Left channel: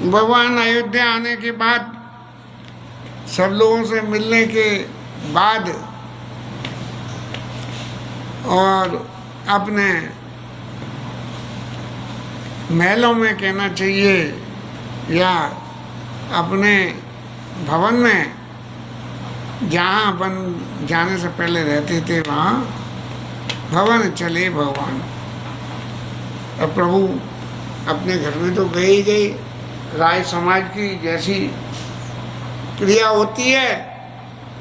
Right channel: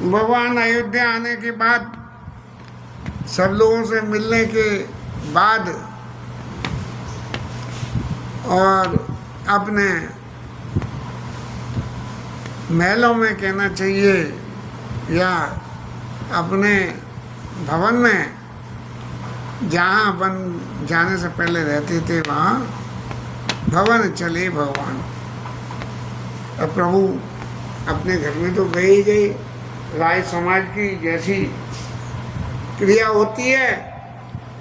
भगवान अयोध्या आने के बाद सब लोगों से मिलने के बाद और अपने महलों में कहना चाहिए या अपने भवन में जहाँ अपन जाने से पहले रहते थे वहाँ भवन चले भगवान। अब प्रभु अपने घर में तो गए ही गए। राय समाज की जैसी क्रिया होती है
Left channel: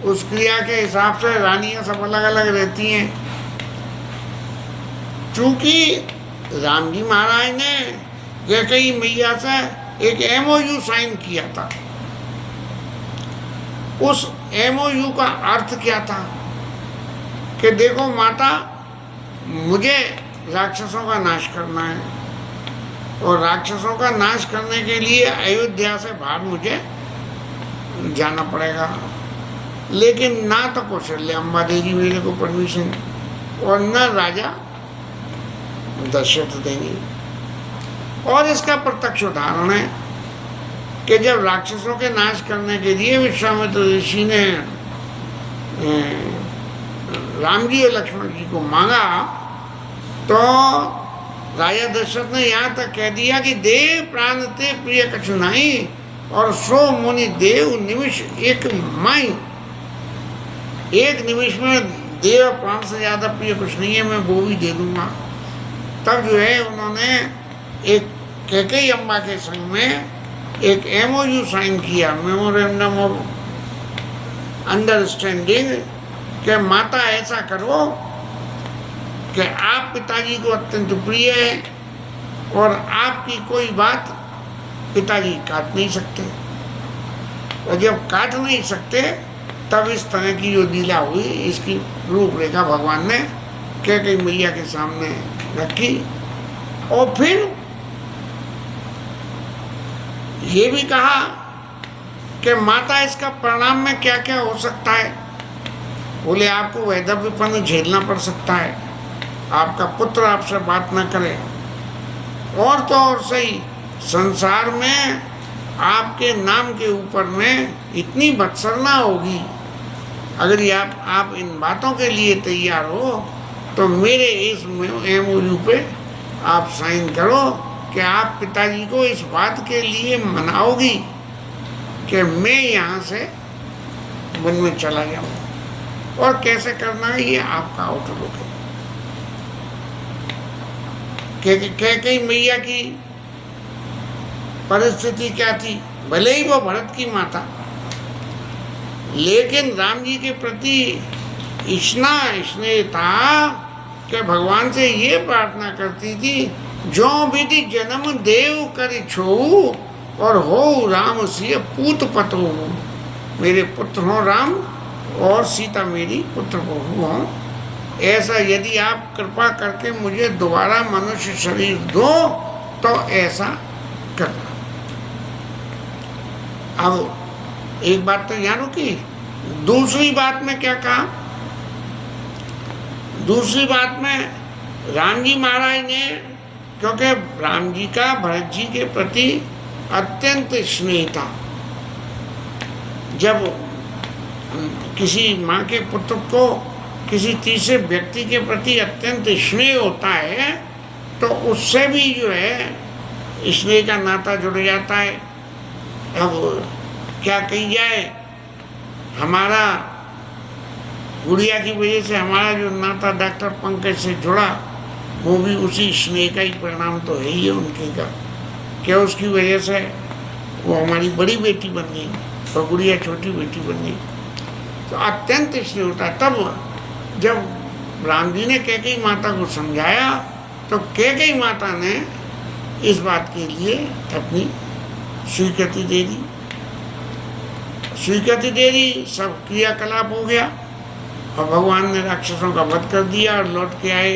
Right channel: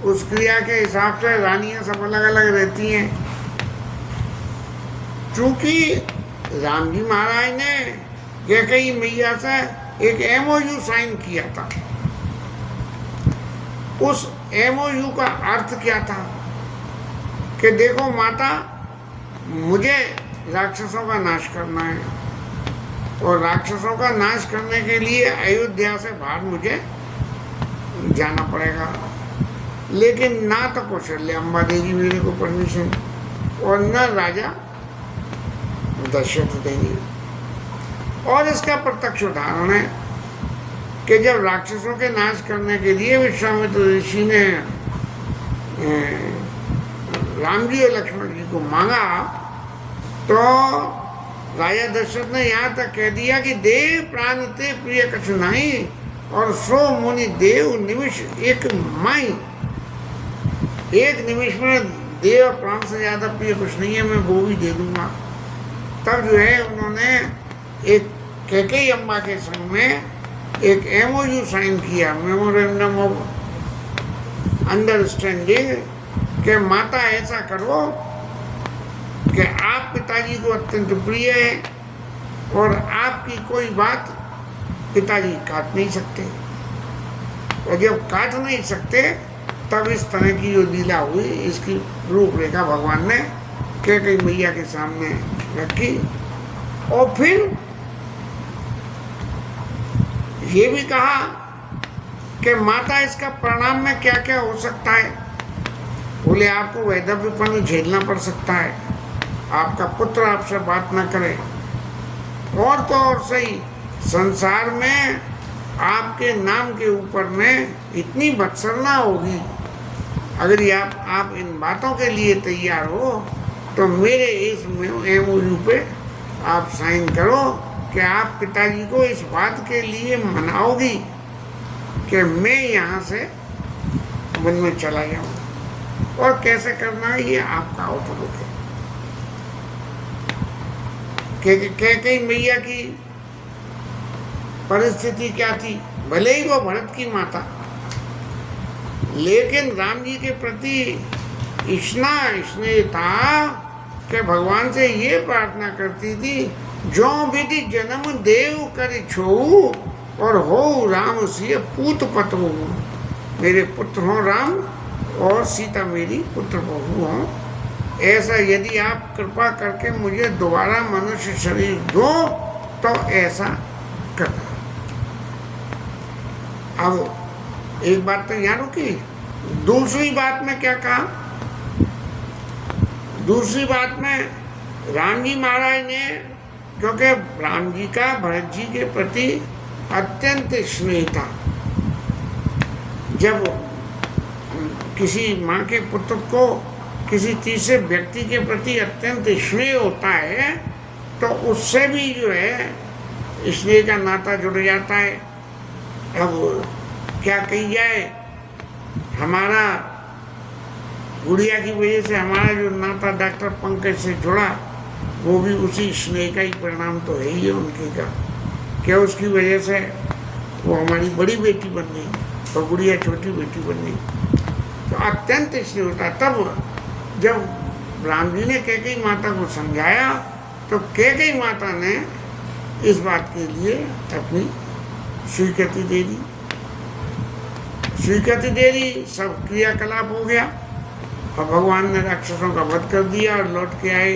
उस क्रिया के हिसाब से रानियां सब अलग अलग रहती हैं। चूंकि राम जी महाराज ने कैकेयी मैया से एक MOU साइन किया था। उस MOU का अर्थ क्या था कि देखो माता, मुझे राक्षसों का नाश करना है और राक्षसों का नाश करने के लिए अयोध्या से बाहर मुझे जाना पड़ेगा, लेकिन ना तो कौशल्या अम्बा देगी मेरे को परमिशन और न राजा दशरथ देंगे। और इसका प्रत्यक्ष उदाहरण है कि जब राक्षसों के नाश करने के लिए विश्वामित्र ऋषि ने राम जी और लक्ष्मण जी को मांगा तो राजा दशरथ ने यहाँ तक कह दिया कि देव प्राण ते प्रिय कछु नहीं और सो मुनि देव निमिष एक माई। एक निमिष में देव प्राण से ज्यादा प्रिय कुछ नहीं है, मैं वो भी दे दूंगा। तब जो है उन्होंने एक कैकेयी अम्बा के संग में एक MOU साइन किया, मेमोरेंडम ऑफ अंडरस्टैंडिंग, कि माता ऐसा करो कि आप पिताजी को अत्यंत प्रिय है और आपकी कोई बात पिताजी काट नहीं सकते, और जब काट नहीं सकते तब इस तरह की जो लीला हुई इसकी रूपरेखा भगवान ने कैकेयी मैया के सामने रखी। और फिर ये भी कहा कि माता इसका परिणाम में क्या क्या हो सकता है। बोले आपको वैधव्यपन झेलना पड़ सकता है, आपका पुत्र आपसे बात ना करे, और तो और सही संसार में आपके नाम के ऊपर में इतनी बदसरना होगी। अगर ये आप इन बातों के लिए तैयार हो तो मेरे इस MOU पे आप साइन करो कि आप पिताजी को इस बात के लिए मनाओगी कि मैं यहाँ से वन में चला जाऊँ, और कैसे करना है ये आपका आउटलुक है। कैकेयी मैया की परिस्थिति क्या थी, भले ही वो भरत की माता, लेकिन राम जी के प्रति इतना स्नेह था कि भगवान से ये प्रार्थना करती थी, जो विधि जन्म देव कर छो और हो राम सिय पूत पतो। मेरे पुत्र हो राम और सीता मेरी पुत्र बहू हो। ऐसा यदि आप कृपा करके मुझे दोबारा मनुष्य शरीर दो तो ऐसा करना। अब एक बात तो जानो कि दूसरी बात में क्या कहा। दूसरी बात में राम जी महाराज ने, क्योंकि राम जी का भरत जी के प्रति अत्यंत स्नेह था, जब किसी माँ के पुत्र को किसी तीसरे व्यक्ति के प्रति अत्यंत स्नेह होता है तो उससे भी जो है स्नेह का नाता जुड़ जाता है। अब क्या कही जाए, हमारा गुड़िया की वजह से हमारा जो नाता डॉक्टर पंकज से जुड़ा वो भी उसी स्नेह का ही परिणाम तो है ही उनके का। क्या उसकी वजह से वो हमारी बड़ी बेटी बन गई तो गुड़िया छोटी बेटी बन गई, तो अत्यंत स्नेह होता है। तब जब राम जी ने कैकेयी माता को समझाया तो कैकेयी माता ने इस बात के लिए अपनी स्वीकृति दे दी। स्वीकृति दे दी, सब क्रियाकलाप हो गया और भगवान ने राक्षसों का वध कर दिया और लौट के आए।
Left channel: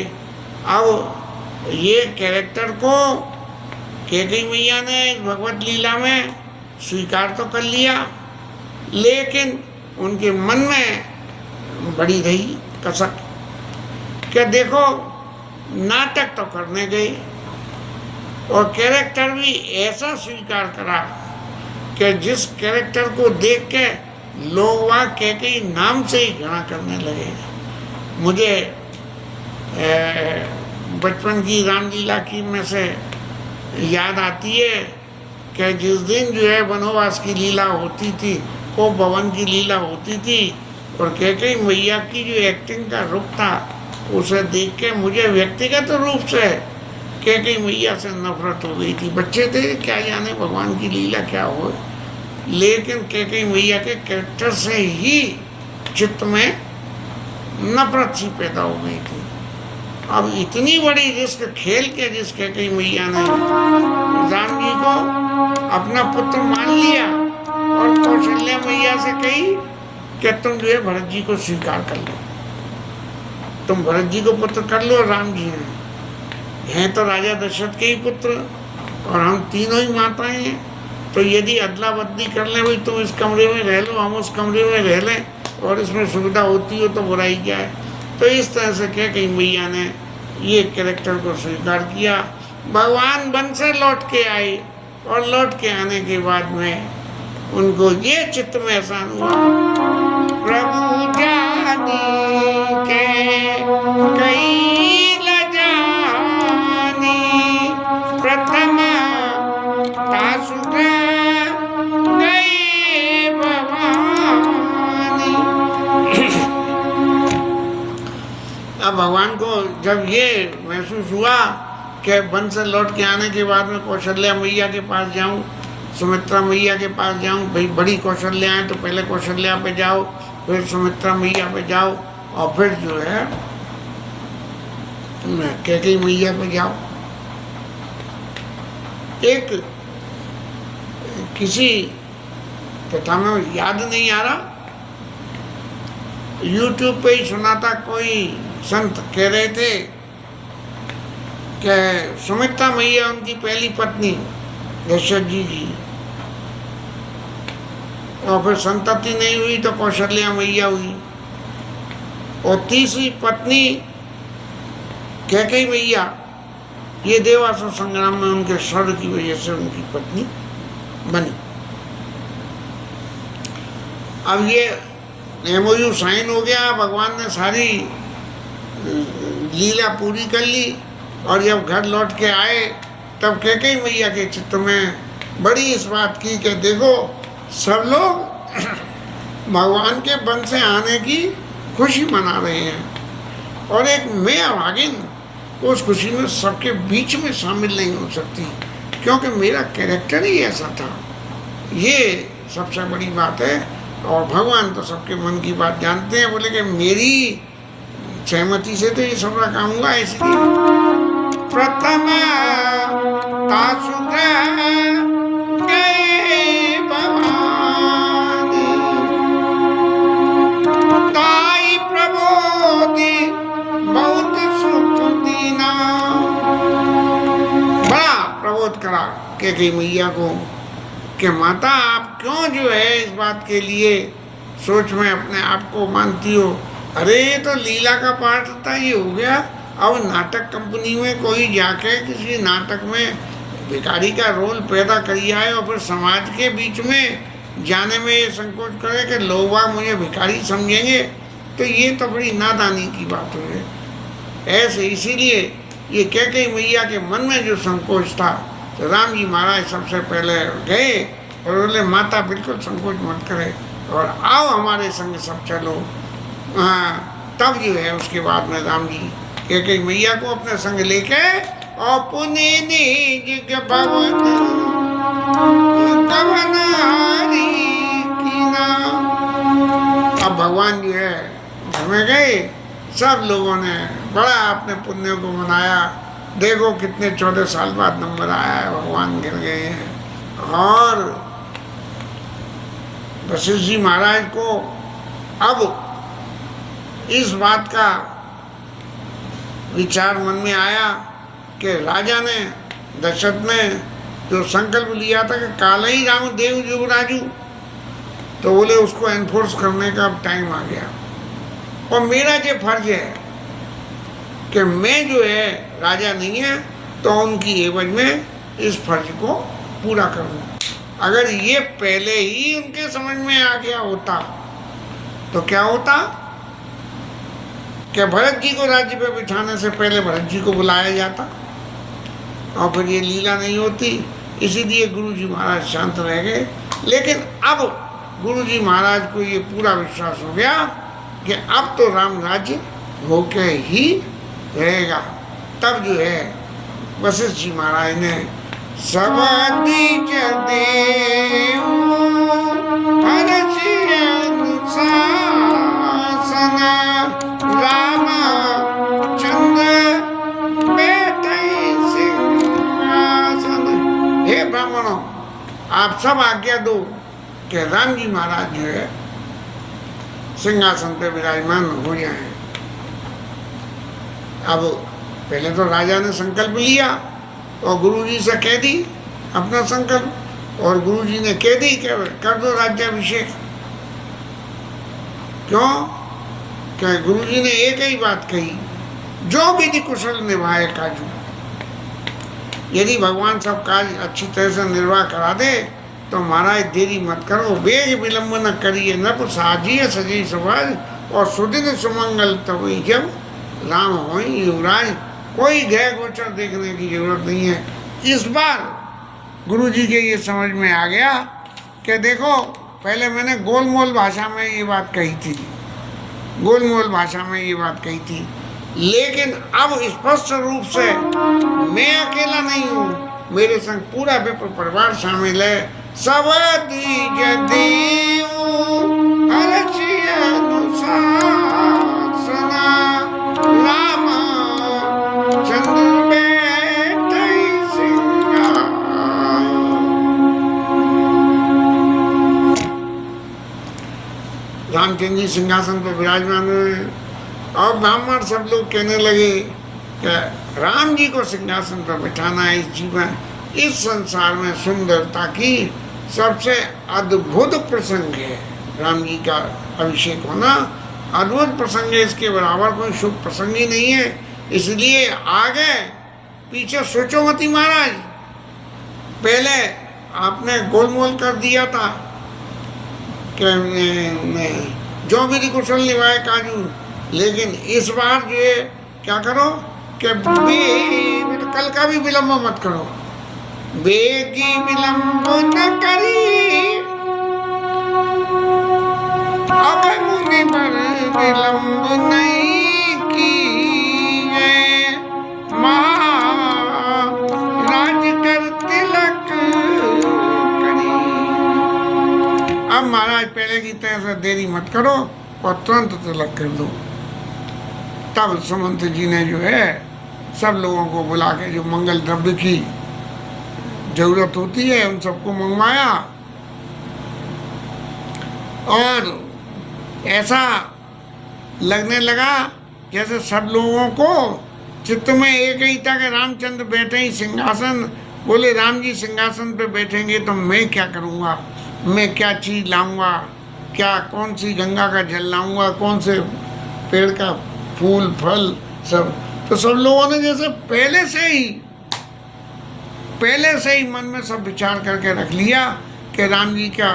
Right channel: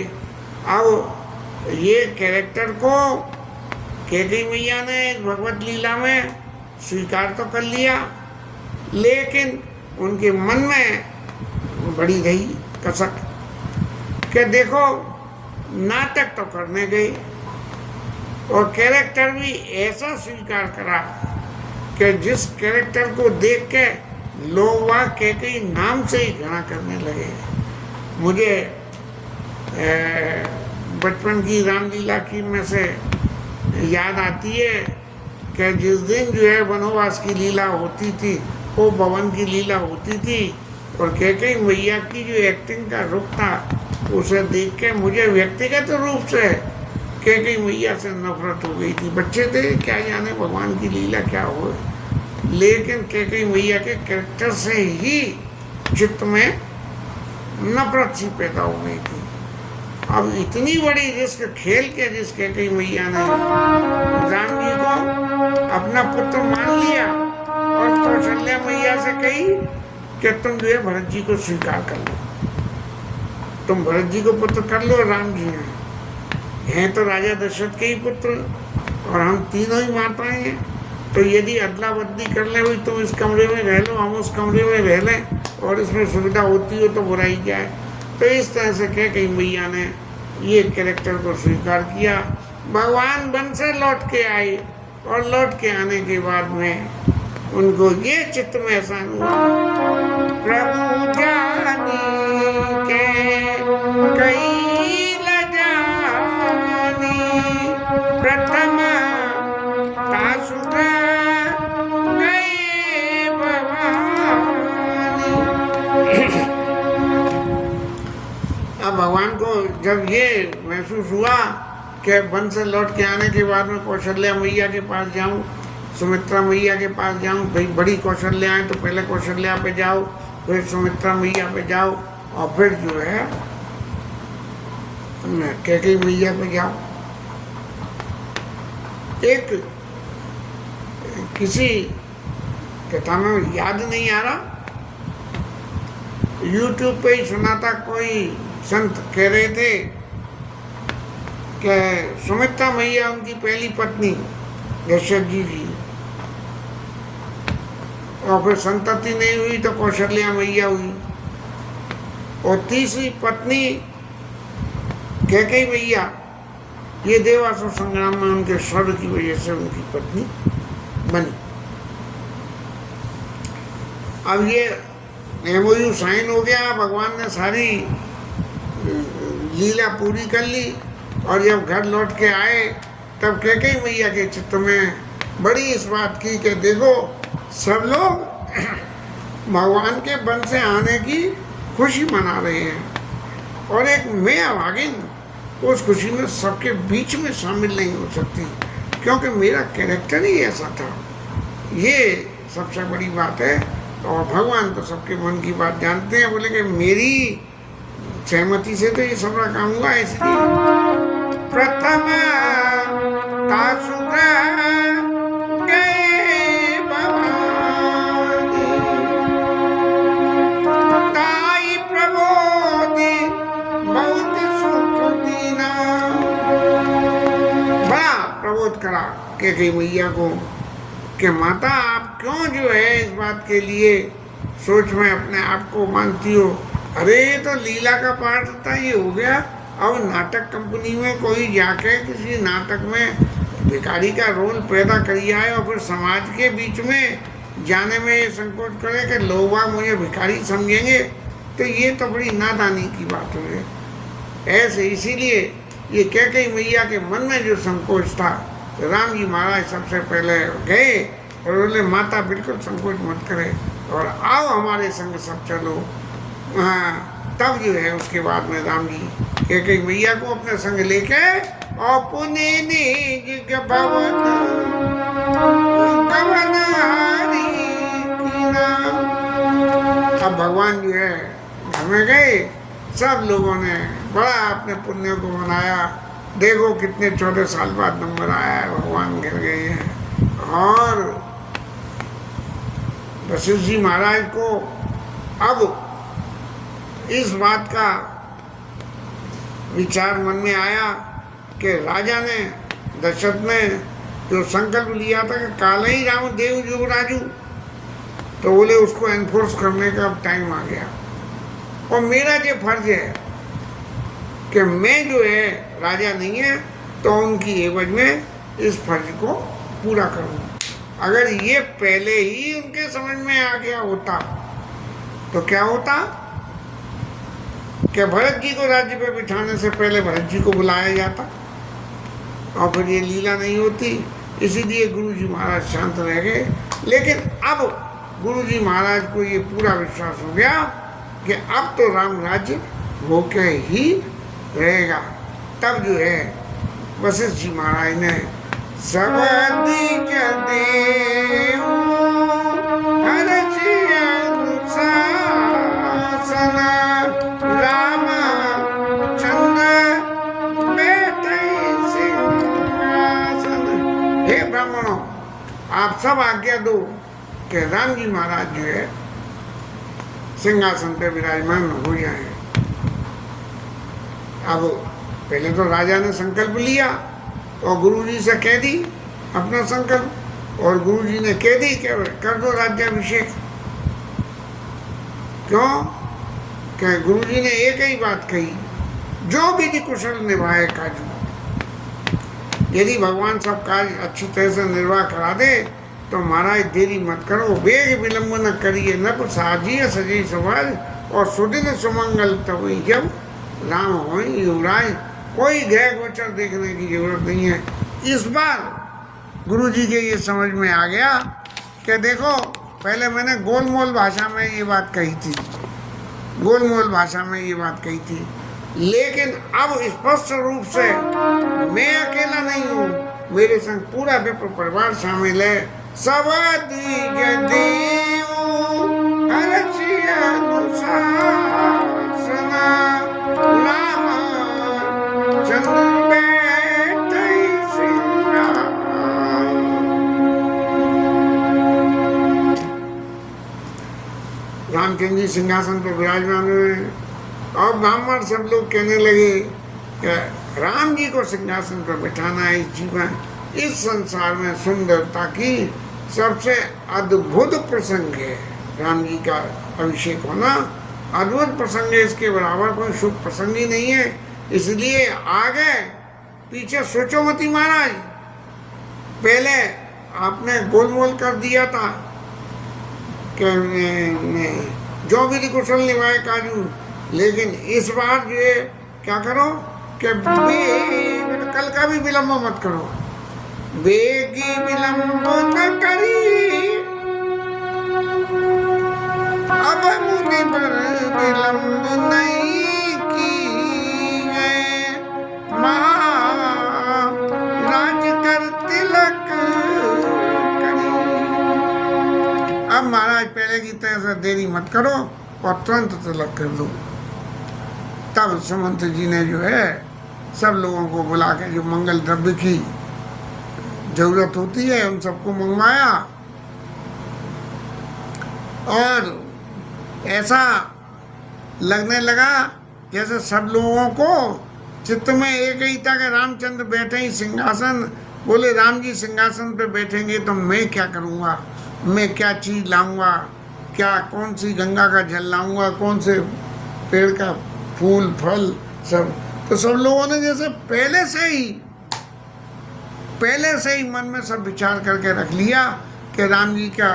अब ये कैरेक्टर को कैकेयी मैया ने भगवत लीला में स्वीकार तो कर लिया, लेकिन उनके मन में बड़ी रही कसक कि देखो नाटक तो करने गए और कैरेक्टर भी ऐसा स्वीकार करा कि जिस कैरेक्टर को देख के लोग वहाँ कैकेयी नाम से ही घृणा करने लगे। मुझे बचपन की रामलीला की में से याद आती है कि जिस दिन जो है वनवास की लीला होती थी, वो भवन की लीला होती थी, और कैकेयी मैया की जो एक्टिंग का रूप था उसे देख के मुझे व्यक्तिगत रूप से कैकेयी मैया से नफरत हो गई थी। बच्चे थे, क्या जाने भगवान की लीला क्या हो, लेकिन कैकेयी मैया के कैरेक्टर से ही चित्त में नफरत सी पैदा हो गई थी। अब इतनी बड़ी रिस्क खेल के जिस कैकेयी मैया ने राम जी को अपना पुत्र मान लिया और कौशल्या मैया से कही कि तुम जो है भरत जी को स्वीकार कर लो, तुम भरत जी को पुत्र कर लो। राम जी हैं तो राजा दशरथ के ही पुत्र, और हम तीनों ही माताएं हैं, तो यदि अदला बदली कर ले, भाई तुम इस कमरे में रह लो, हम उस कमरे में रह लें, और इसमें सुविधा होती हो तो बुराई क्या है। तो इस तरह से कैकेयी मैया ने ये कैरेक्टर को स्वीकार किया। भगवान वन से लौट के आए, और लौट के आने के बाद में उनको ये चित्त में एहसान हुआ, प्रभु जानी के कई लजानी प्रथम तासुरा गए भवानी। अब भगवान को जब ये महसूस हुआ कि वन से लौट के आने के बाद में कौशल्या मैया के पास जाऊं, सुमित्रा मैया के पास जाऊं, भाई बड़ी कौशल्या है तो पहले कौशल्या पे जाओ, फिर सुमित्रा मैया पे जाओ, और फिर जो है कैकेयी मैया पे जाओ। एक किसी कथा में याद नहीं आ रहा, YouTube पे ही सुना था, कोई संत कह रहे थे कि सुमित्रा मैया उनकी पहली पत्नी दशरथ जी की, और फिर संतति नहीं हुई तो कौशल्या मैया हुई, और तीसरी पत्नी कैकेयी मैया, ये देवासुर संग्राम में उनके स्वर्ग की वजह से उनकी पत्नी बनी। अब ये MOU साइन हो गया, भगवान ने सारी लीला पूरी कर ली, और जब घर लौट के आए तब कैकेयी मैया के चित्त में बड़ी इस बात की कि देखो सब लोग भगवान के वन से आने की खुशी मना रहे हैं, और एक मैं अभागिन उस खुशी में सबके बीच में शामिल नहीं हो सकती, क्योंकि मेरा कैरेक्टर ही ऐसा था। ये सबसे बड़ी बात है, और भगवान तो सबके मन की बात जानते हैं। बोले कि मेरी सहमति से तो ये सबका काम हुआ, इसलिए प्रथम तासुरा गए भवानी, ताई प्रबोधि बहुत सुख दीना। बड़ा प्रबोध करा कैकेयी मैया को कि माता आप क्यों जो है इस बात के लिए सोच में अपने आप को मानती हो। अरे तो लीला का पार्ट था, ये हो गया। अब नाटक कंपनी में कोई जाके किसी नाटक में भिखारी का रोल पैदा करिए आए, और फिर समाज के बीच में जाने में ये संकोच करे कि लोग मुझे भिखारी समझेंगे, तो ये तो बड़ी नादानी की बात हुई है। ऐसे इसीलिए ये कैकेयी मैया के मन में जो संकोच था, तो राम जी महाराज सबसे पहले गए और बोले माता बिल्कुल संकोच मत करे, और आओ हमारे संग सब चलो। तब जो है उसके बाद में राम जी कैकेयी मैया को अपने संग लेके और पुणे निज भवन गवनहारी कीना। अब भगवान जो है उसमें गए, सब लोगों ने बड़ा अपने पुण्य को मनाया। देखो कितने 14 साल बाद नंबर आया है, भगवान गिर गए हैं। और वशिष्ठ जी महाराज को अब इस बात का विचार मन में आया कि राजा ने दशरथ ने जो संकल्प लिया था कि काला ही राम देव युवराजू, तो बोले उसको एनफोर्स करने का टाइम आ गया। और मेरा जो फर्ज है कि मैं जो है राजा नहीं है तो उनकी एवज में इस फर्ज को पूरा करूं। अगर ये पहले ही उनके समझ में आ गया होता तो क्या होता कि भरत जी को राज्य पे बिठाने से पहले भरत जी को बुलाया जाता और फिर ये लीला नहीं होती। इसीलिए गुरु जी महाराज शांत रह गए। लेकिन अब गुरु जी महाराज को ये पूरा विश्वास हो गया कि अब तो राम राज्य होके ही रहेगा। तब जो है वशिष्ठ जी महाराज ने सब दीज देव हरषि अनुशासन राम चंद्र बैठई सिंहासन। हे ब्राह्मणों, आप सब आज्ञा दो कि राम जी महाराज जो है सिंहासन पे विराजमान हो जाए। अब पहले तो राजा ने संकल्प लिया और गुरुजी से कह दी अपना संकल्प, और गुरुजी ने कह दी कि कर दो राज्याभिषेक। क्यों? कि गुरुजी ने एक ही बात कही, जो विधि कुशल निभाए काजू। यदि भगवान सब काज अच्छी तरह से निर्वाह करा दे तो महाराज देरी मत करो, वेग विलंब न करिए, नप साजिए सजी सुभाज और सुदिन सुमंगल तभी जब राम हो युवराज। कोई गृह गोचर देखने की जरूरत नहीं है। इस बार गुरुजी के ये समझ में आ गया कि देखो, पहले मैंने गोलमोल भाषा में ये बात कही थी, गोलमोल भाषा में ये बात कही थी, लेकिन अब स्पष्ट रूप से मैं अकेला नहीं हूँ, मेरे संग पूरा विप्र परिवार शामिल है। सब दीज देव हरषि अनुशासन राम चंद्र बैठई सिंहासन। रामचंद्र जी सिंहासन पर विराजमान हुए और ब्राह्मण सब लोग कहने लगे कि राम जी को सिंहासन पर बिठाना है। इस जीवन, इस संसार में सुंदरता की सबसे अद्भुत प्रसंग है। राम जी का अभिषेक होना अद्भुत प्रसंग है, इसके बराबर कोई शुभ प्रसंग ही नहीं है। इसलिए आगे पीछे सोचो मती महाराज। पहले आपने गोलमोल कर दिया था कि जो विधि कुशल निभाए काजू, लेकिन इस बार जो है क्या करो कि कल का भी विलंब मत करो, बेगी विलंब न करी अब मुनि पर विलंब नहीं की है, महाराज कर तिलक करी। अब महाराज पहले की तरह से देरी मत करो और तुरंत तिलक कर दो। तब सुमंत जी ने जो है सब लोगों को बुला के जो मंगल द्रव्य की जरूरत होती है उन सबको मंगवाया, और ऐसा लगने लगा जैसे सब लोगों को चित्त में एक ही था कि रामचंद्र बैठे ही सिंहासन। बोले राम जी सिंहासन पे बैठेंगे तो मैं क्या करूँगा, मैं क्या चीज़ लाऊंगा, क्या कौन सी गंगा का जल लाऊंगा, कौन से पेड़ का फूल फल सब। तो सब लोगों ने जैसे पहले से ही मन में सब विचार करके रख लिया कि राम जी का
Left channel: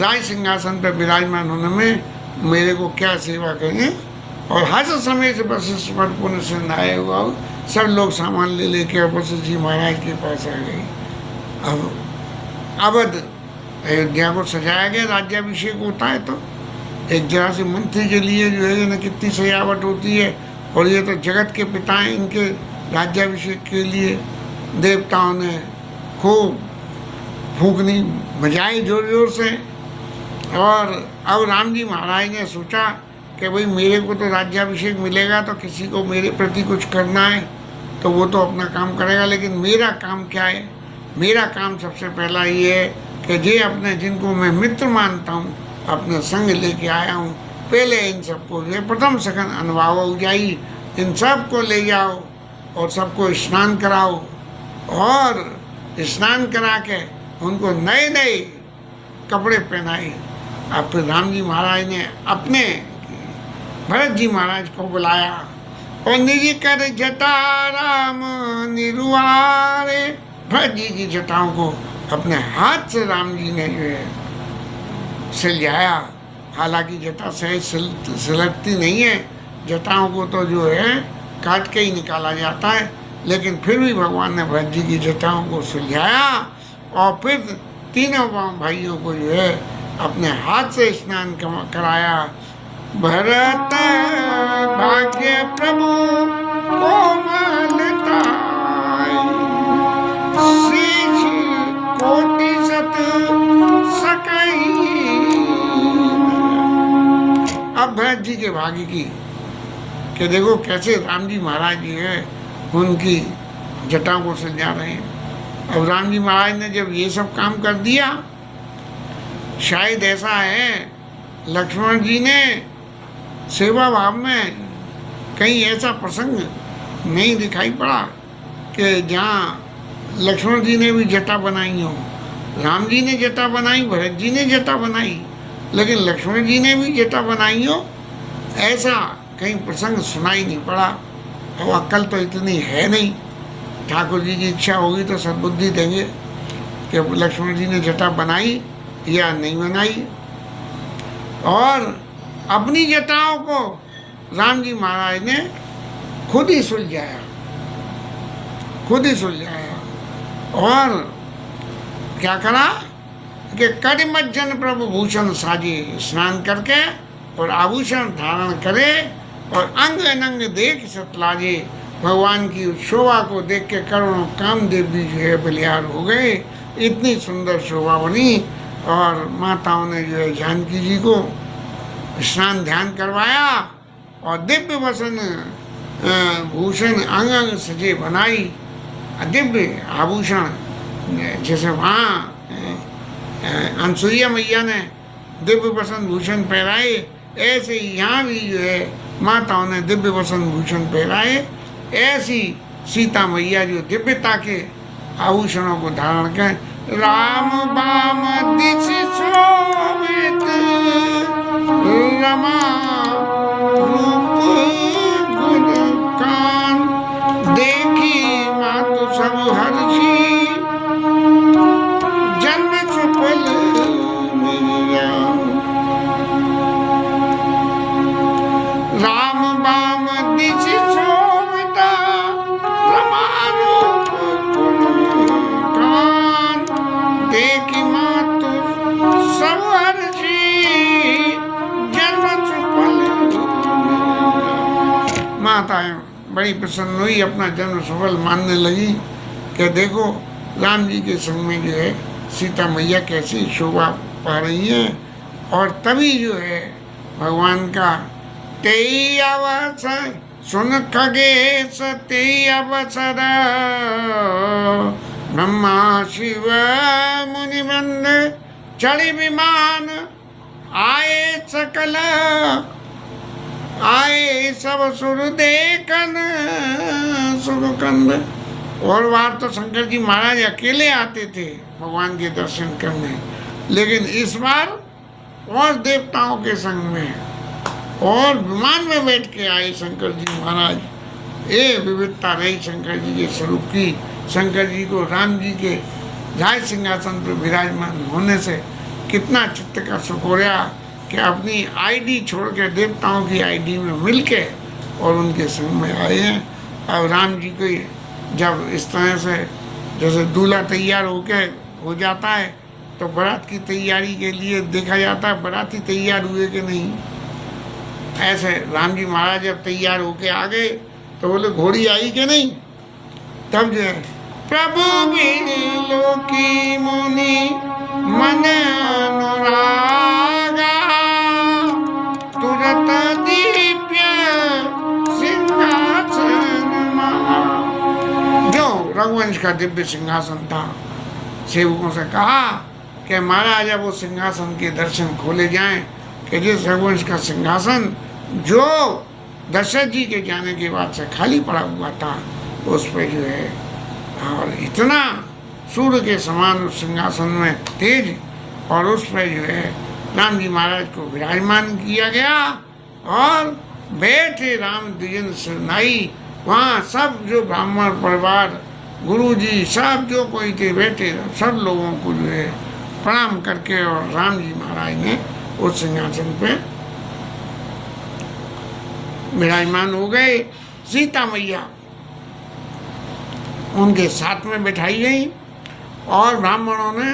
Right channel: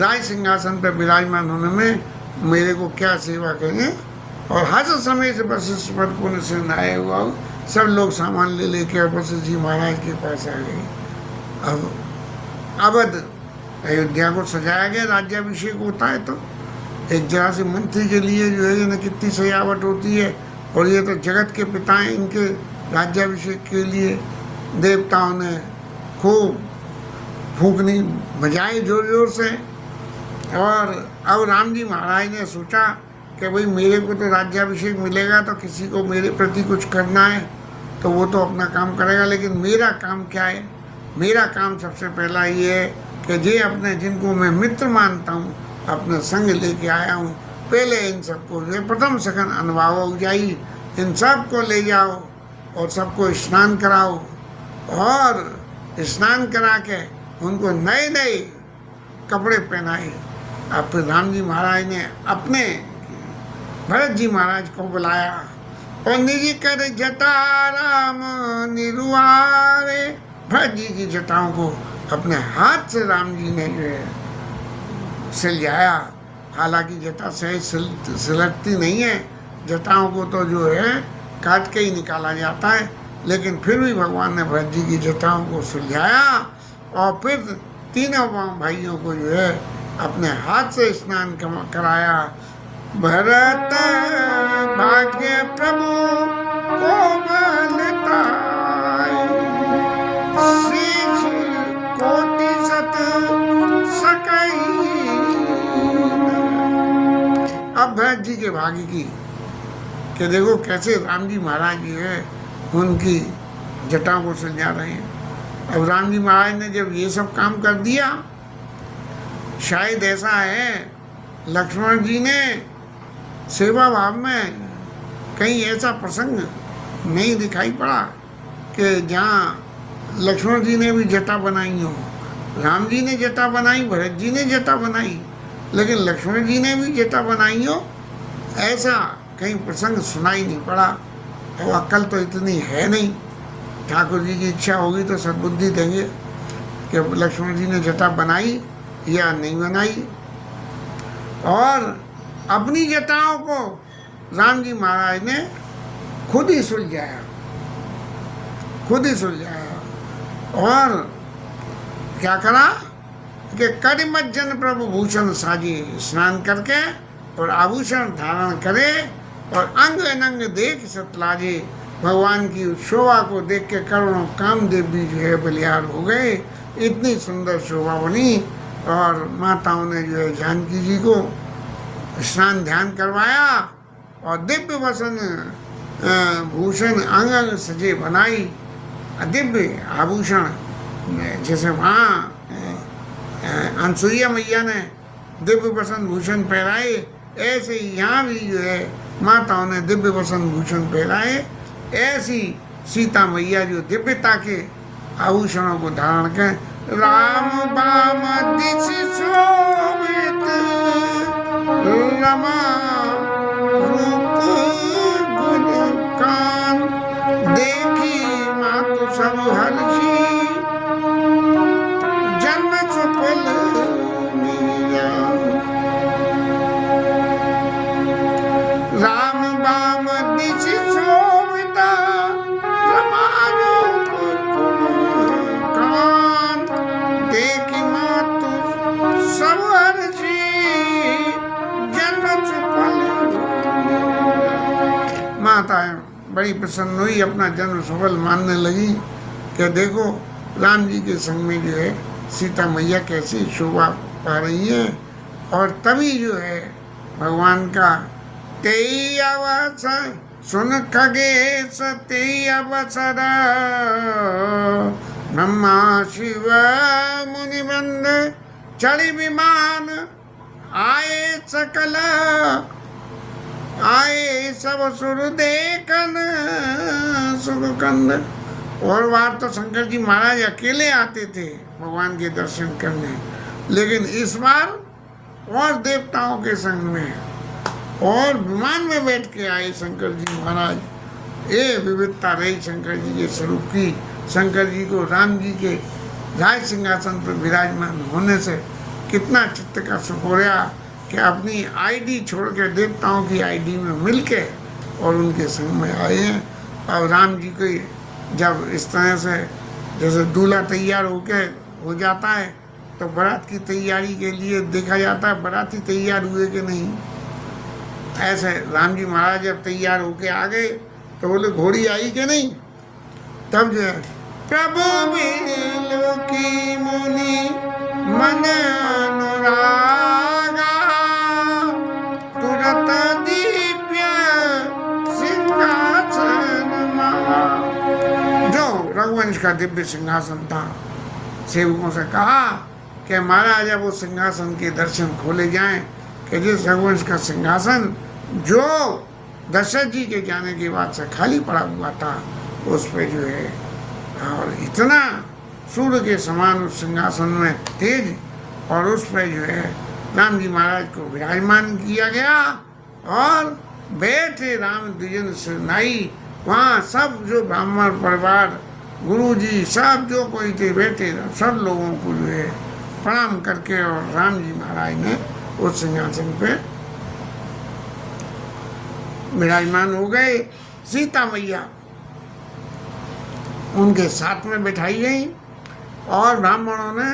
राज सिंहासन पर विराजमान होने में मेरे को क्या सेवा कहें। और हर समय से वशिष्ठ पर पुण्य से आए हुआ सब लोग सामान ले लेके वशिष्ठ जी महाराज के पास आ गए। अब अवध अयोध्या को सजाया गया, राज्याभिषेक होता है तो एक जगह से मंत्री के लिए जो है ना कितनी सजावट होती है, और ये तो जगत के पिता हैं, इनके राज्याभिषेक के लिए देवताओं ने खूब फूकनी बजाई जोर जोर से। और अब राम जी महाराज ने सोचा कि भाई मेरे को तो राज्याभिषेक मिलेगा तो किसी को मेरे प्रति कुछ करना है तो वो तो अपना काम करेगा, लेकिन मेरा काम क्या है। मेरा काम सबसे पहला ये है कि जे अपने जिनको मैं मित्र मानता हूँ अपने संग लेके आया हूँ, पहले इन सबको ये प्रथम सघन अनुभव हो जाइए, इन सब को ले जाओ और सबको स्नान कराओ, और स्नान करा के उनको नए नए कपड़े पहनाए। अब फिर राम जी महाराज ने अपने भरत जी महाराज को बुलाया और निज कर जटा राम निरुआरे भरत जी की जटाओं को अपने हाथ से राम जी ने जो है सिलझाया। हालांकि जटा सहज सिलटती नहीं है, जटाओं को तो जो है काट के ही निकाला जाता है, लेकिन फिर भी भगवान ने भरत जी की जटाओं को सुलझाया और फिर तीनों भाइयों को जो है अपने हाथ से स्नान कराया। भरत भाग्य प्रभु कोमलता शीश कोटि सत सकई। अब भरत जी के भाग्य की कि देखो कैसे राम जी महाराज जी है उनकी जटाओं को सजा रहे हैं। अब राम जी महाराज ने जब ये सब काम कर दिया, शायद ऐसा है लक्ष्मण जी ने सेवा भाव में कहीं ऐसा प्रसंग नहीं दिखाई पड़ा कि जहाँ लक्ष्मण जी ने भी जटा बनाई हो। राम जी ने जटा बनाई, भरत जी ने जटा बनाई, लेकिन लक्ष्मण जी ने भी जटा बनाई हो, ऐसा कहीं प्रसंग सुनाई नहीं पड़ा। अब अक्ल तो इतनी है नहीं, ठाकुर जी की इच्छा होगी तो सद्बुद्धि देंगे कि लक्ष्मण जी ने जटा बनाई या नहीं बनाई। और अपनी जटाओं को राम जी महाराज ने खुद ही सुलझाया, खुद ही सुलझाया। और क्या करा कि करिमज्जन प्रभु भूषण साजे, स्नान करके और आभूषण धारण करे और अंग अनंग देख सतलाजे। भगवान की उस शोभा को देख के करोड़ों कामदेव भी जो है बलिहार हो गए। इतनी सुंदर शोभा बनी और माताओं ने जो है जानकी जी को स्नान ध्यान करवाया और दिव्य वसन भूषण अंग अंग सजे बनाई। दिव्य आभूषण जैसे वहाँ अनसुईया मैया ने दिव्य वसन भूषण पहनाए, ऐसे ही यहाँ भी जो है माताओं ने दिव्य वसन भूषण पहनाए। ऐसी सीता मैया जो दिव्यता के आभूषणों को धारण कर राम बाम दिश शोभित रमा रूप गुण कान देखी मातु सब हर्षी जन्म सुफल राम बाम दिश शोभित रमा रूप गुण कान देखी मातु सब हर्षी जन्म सुफल। माता बड़ी प्रसन्न हुई, अपना जन्म सफल मानने लगी कि देखो राम जी के संग में जो है सीता मैया कैसी शोभा पा रही है। और तभी जो है भगवान का तेई अवसर सुन खगेश तेई अवसर ब्रह्मा शिव मुनि मंद चढ़ी विमान आए सकल आए सब सुर देखन सुखकंद। और बार तो शंकर जी महाराज अकेले आते थे भगवान के दर्शन करने, लेकिन इस बार और देवताओं के संग में और विमान में बैठ के आए शंकर जी महाराज। ये विविधता रही शंकर जी के स्वरूप की। शंकर जी को राम जी के राज सिंहासन पर विराजमान होने से कितना चित्त का सुख हो रहा कि अपनी आईडी छोड़कर देवताओं की आईडी में मिलके और उनके संग में आए हैं। और राम जी को जब इस तरह से जैसे दूल्हा तैयार होके हो जाता है तो बारात की तैयारी के लिए देखा जाता है बाराती तैयार हुए कि नहीं। ऐसे राम जी महाराज जब तैयार होके आ गए तो बोले घोड़ी आई कि नहीं। तब जो है प्रभु बिलो की मुनि मन अनुरागा तुरत दिव्य सिंहासन महा। जो रघुवंश का दिव्य सिंहासन था, सेवकों से कहा कि महाराज अब वो सिंहासन के दर्शन खोले जाएं कि जिस रघुवंश का सिंहासन जो दशरथ जी के जाने के बाद से खाली पड़ा हुआ था उस पर जो है और इतना सूर्य के समान उस सिंहासन में तेज और उस पर जो है राम जी महाराज को विराजमान किया गया। और बैठे राम द्विजन से नाई, वहाँ सब जो ब्राह्मण परिवार गुरु जी सब जो कोई थे बैठे सब लोगों को जो है प्रणाम करके और राम जी महाराज ने उस सिंहासन पे विराजमान हो गए। सीता मैया उनके साथ में बिठाई गई और ब्राह्मणों ने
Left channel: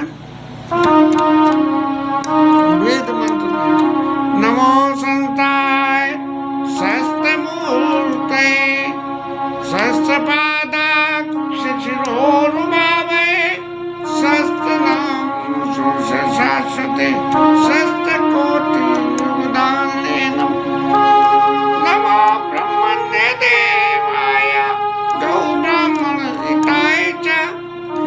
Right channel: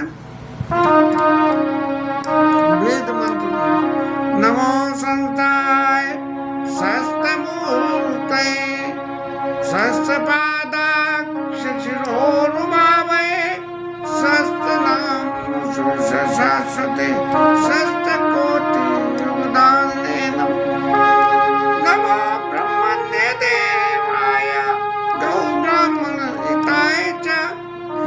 वेद मंत्र नमो संताय सहस्त्र मूर्तये सहस्त्रपादाक्ष शिरोरुभावये सहस्त्रनाम शाश्वते सहस्त्रकोटि उदाहरणे नमो ब्रह्मण्य देवाय गौ ब्राह्मण हिताय च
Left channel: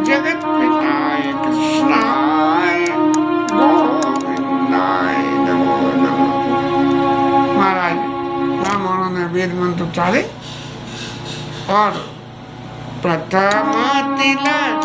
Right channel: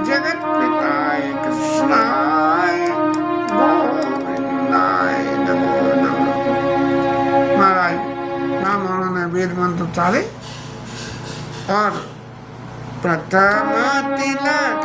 जगत पिताय कृष्णाय गोविंदाय नमो नमो। महाराज ब्राह्मणों ने वेद मंत्र उच्चारे और प्रथम तिलक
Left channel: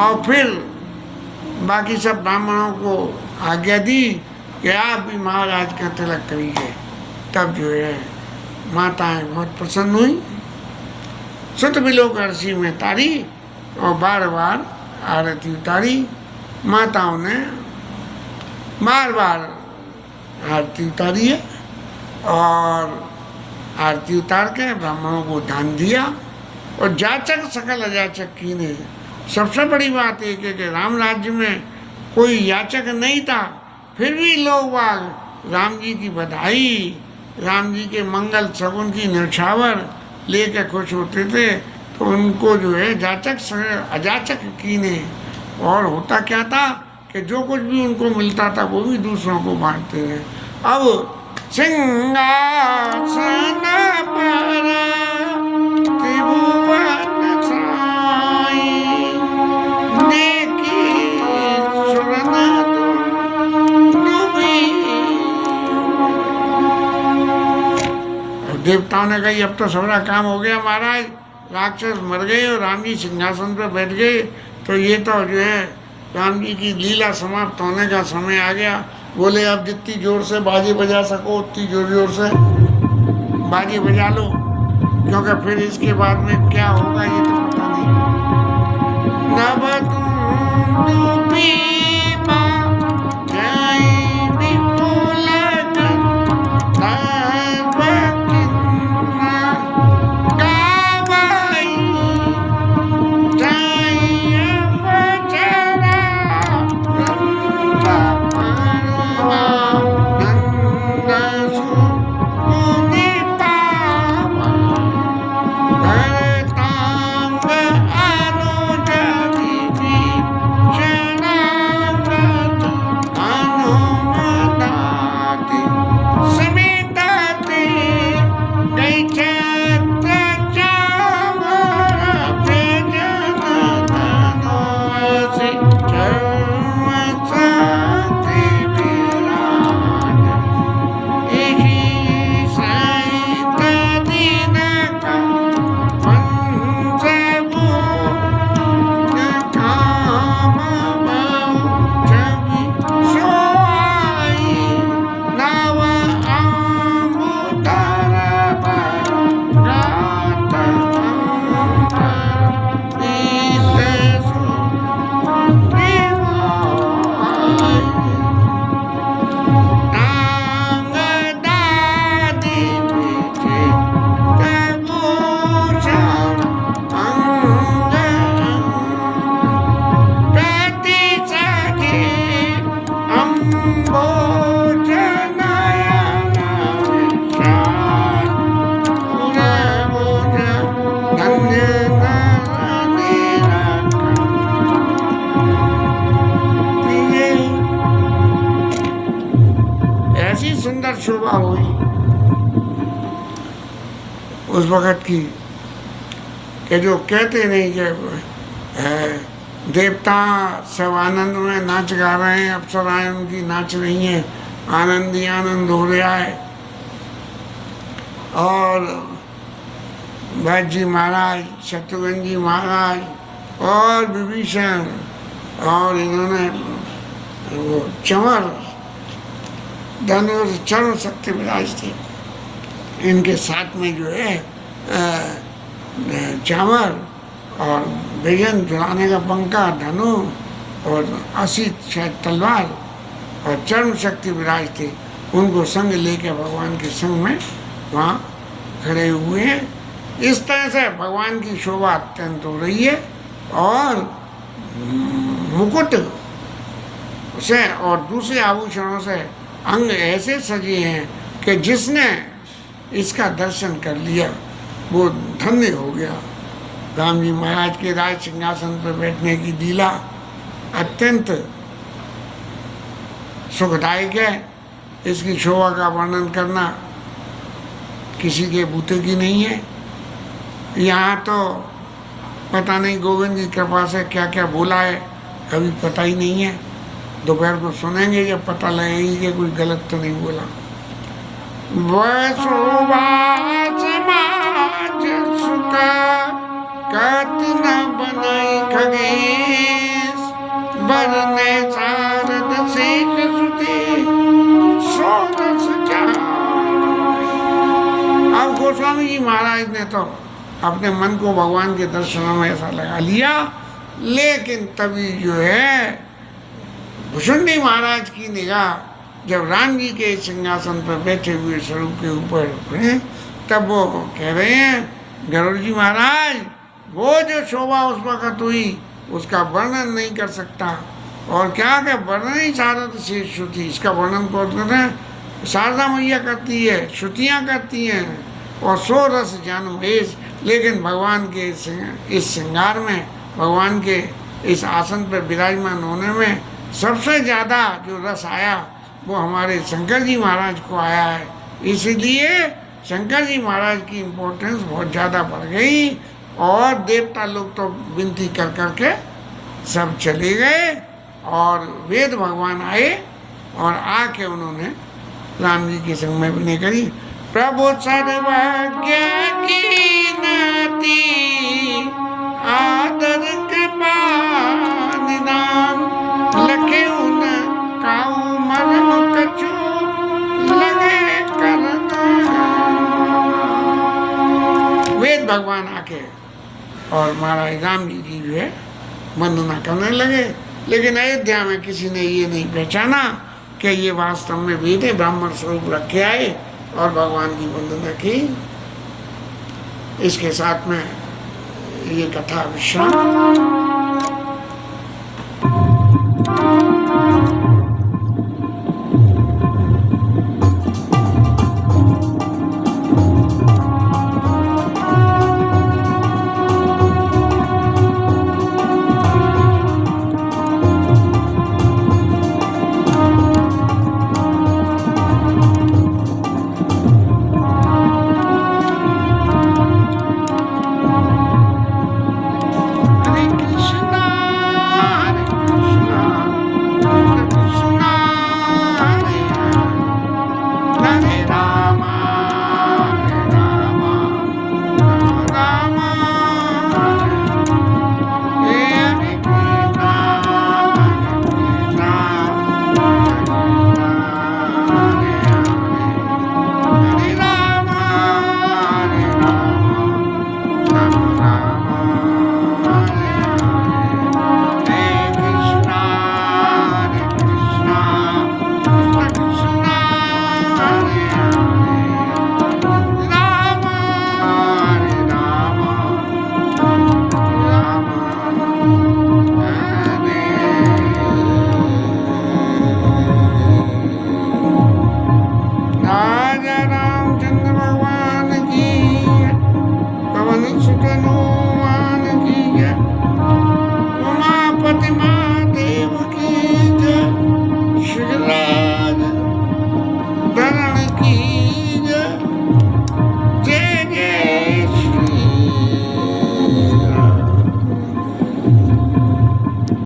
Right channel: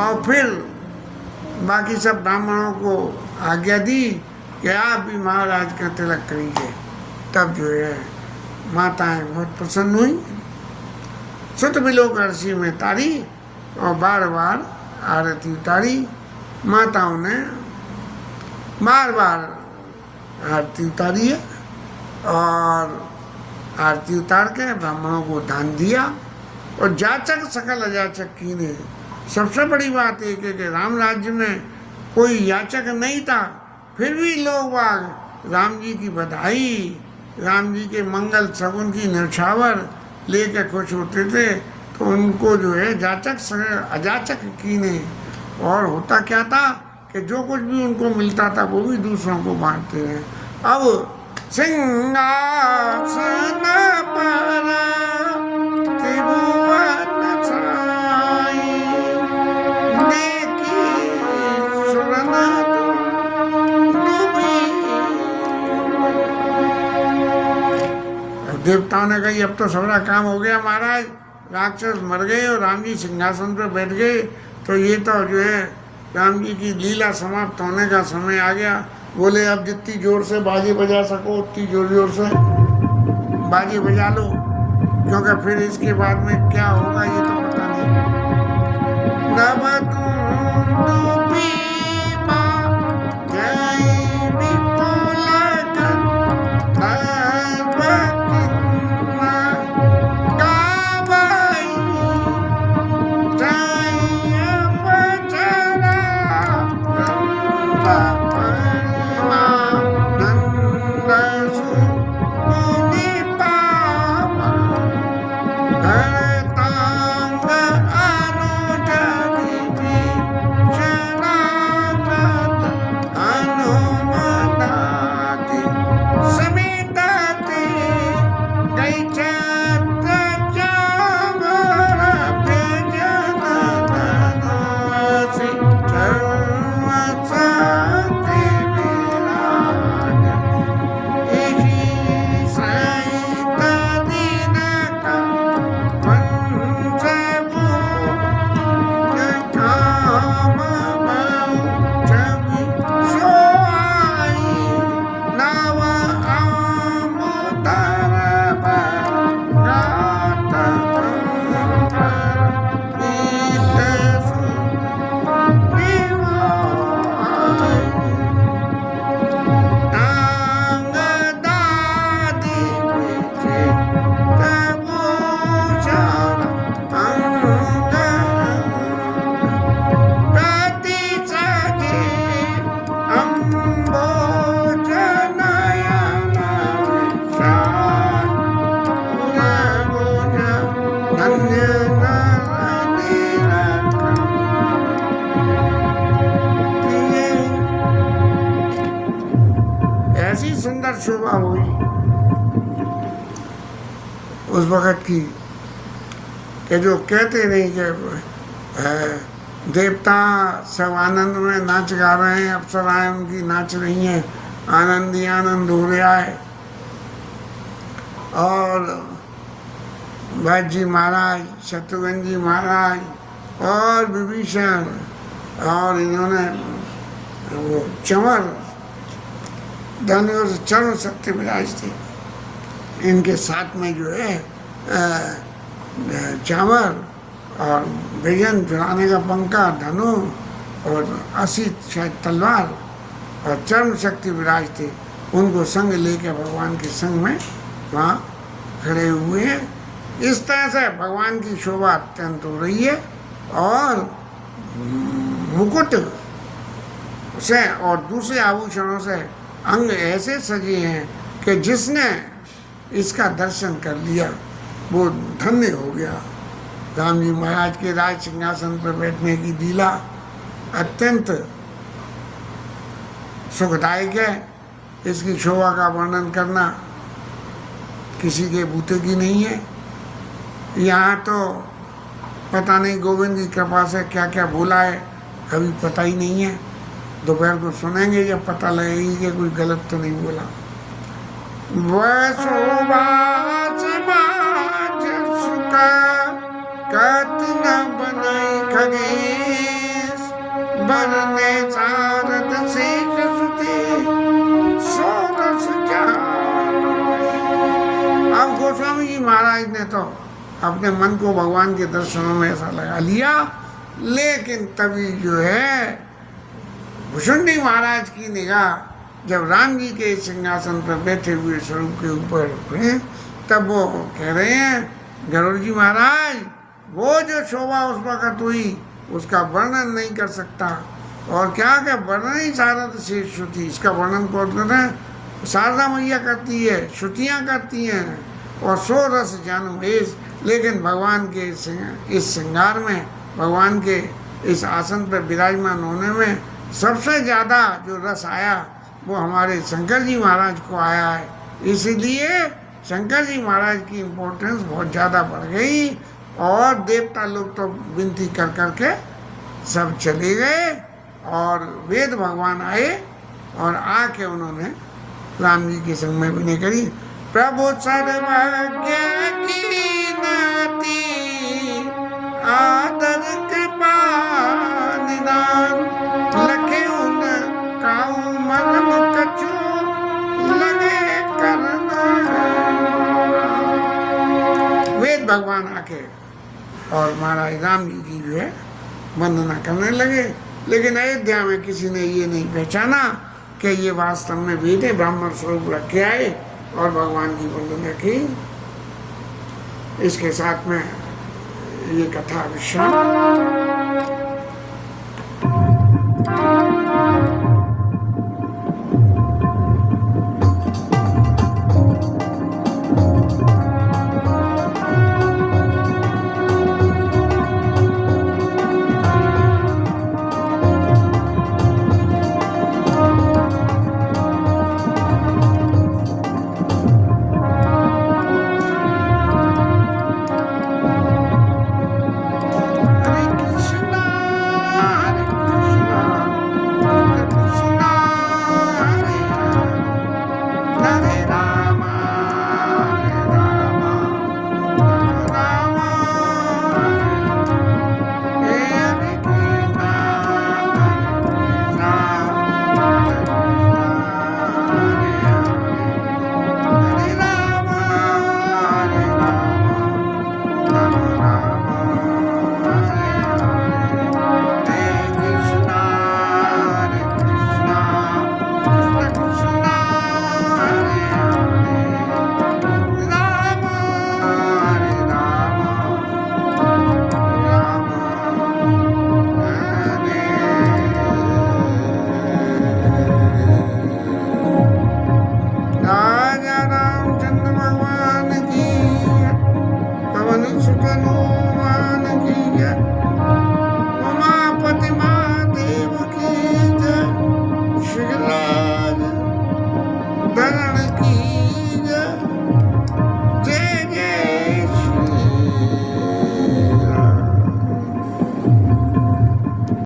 और फिर बाकी सब ब्राह्मणों को आज्ञा दी कि आप भी महाराज का तिलक करिए। तब जो है माताएं बहुत प्रसन्न हुई, सुत बिलोक ऋषि में तारी और बार बार आरती उतारी। माताओं ने बार बार आरती उतारी है और आरती उतार के ब्राह्मणों को दान दिया। और जाचक सकल अजाचक कीने, सबसे बड़ी बात एक है कि राम राज्य में कोई याचक नहीं था, फिर भी लोग बाग राम जी की बधाई, राम जी के मंगल सगुन की न्यौछावर लेकर खुश होते थे। तो उनको जो है जाचक अजाचक कीने। और होता क्या था कि जो कुछ भी उनको मिलता था वो भी दूसरों को बांटते हैं। अब सिंहासन पर त्रिभुवन छाई, देखी सुरन डूबी। अब देवताओं ने कही अब तो सारा काम हो गया महाराज, राक्षस मर गए और राम जी सिंहासन पर बैठ गए, तो ये तो जो है राम जी की लीला समाप्त होने का समय आ गया। बोले अब जितनी जोर से बाजी बजा सको उतनी जोर जोर से बाजी बजा लो, क्योंकि फिर इसके बाद में क्या होगा ये तो पता नहीं। उस वक़्त की कि जो कहते नहीं कि देवता सब आनंद में नाच गा रहे हैं, अप्सराएं उनकी नाच रही हैं, आनंद ही आनंद हो रहा है। और भरत जी महाराज, शत्रुघ्न जी महाराज और विभीषण और इन्होंने वो चंवर धनुष चरण शक्ति विराज थी, इनके साथ में जो है चावर और विजन चलाने का पंखा, धनु और 80 शायद तलवार और चरण शक्ति विराज थे। उनको संग लेकर भगवान के संग में वहाँ खड़े हुए हैं। इस तरह से भगवान की शोभा अत्यंत हो रही है और मुकुट से और दूसरे आभूषणों से अंग ऐसे सजे हैं कि जिसने इसका दर्शन कर लिया वो धन्य हो गया। राम जी महाराज के राज सिंहासन पर बैठने की लीला अत्यंत सुखदायक है। इसकी शोभा का वर्णन करना किसी के बूते की नहीं है। यहाँ तो पता नहीं गोविंद की कृपा से क्या क्या बोला है, कभी पता ही नहीं है। दोपहर को सुनेंगे कि पता लगेगी कि कोई गलत तो नहीं बोला। कत न बनाई खगेश, बरने सारद शेष सुते, सोरस अब गोस्वामी जी महाराज ने तो अपने मन को भगवान के दर्शनों में ऐसा लगा लिया, लेकिन तभी जो है भुषुंडी महाराज की निगाह जब राम जी के सिंहासन पर बैठे हुए स्वरूप के ऊपर पड़े, तब वो कह रहे हैं गरुड़ जी महाराज, वो जो शोभा उस वक़्त हुई उसका वर्णन नहीं कर सकता। और क्या क्या वर्णन ही शारद से श्रुति, इसका वर्णन कौन कर रहे हैं? शारदा मैया करती है, श्रुतियाँ करती हैं और सो रस जन्म वेश। लेकिन भगवान के इस श्रृंगार में, भगवान के इस आसन पर विराजमान होने में सबसे ज़्यादा जो रस आया वो हमारे शंकर जी महाराज को आया है। इसीलिए शंकर जी महाराज की इम्पोर्टेंस बहुत ज़्यादा बढ़ गई और देवता लोग तो विनती कर कर के सब चले गए और वेद भगवान आए और आके उन्होंने राम जी के संग में विनय करी। प्रभु सर्वज्ञ की नाती आदर कृपा निदान, लखे उन काऊ मरम कछु लगे करना। वेद भगवान आके और महाराज राम जी की जो है वंदना करने लगे। लेकिन अयोध्या में किसी ने ये नहीं पहचाना कि ये वास्तव में वेद है, ब्राह्मण स्वरूप रखे आए और भगवान की वंदना की। इसके साथ में ये कथा विश्राम।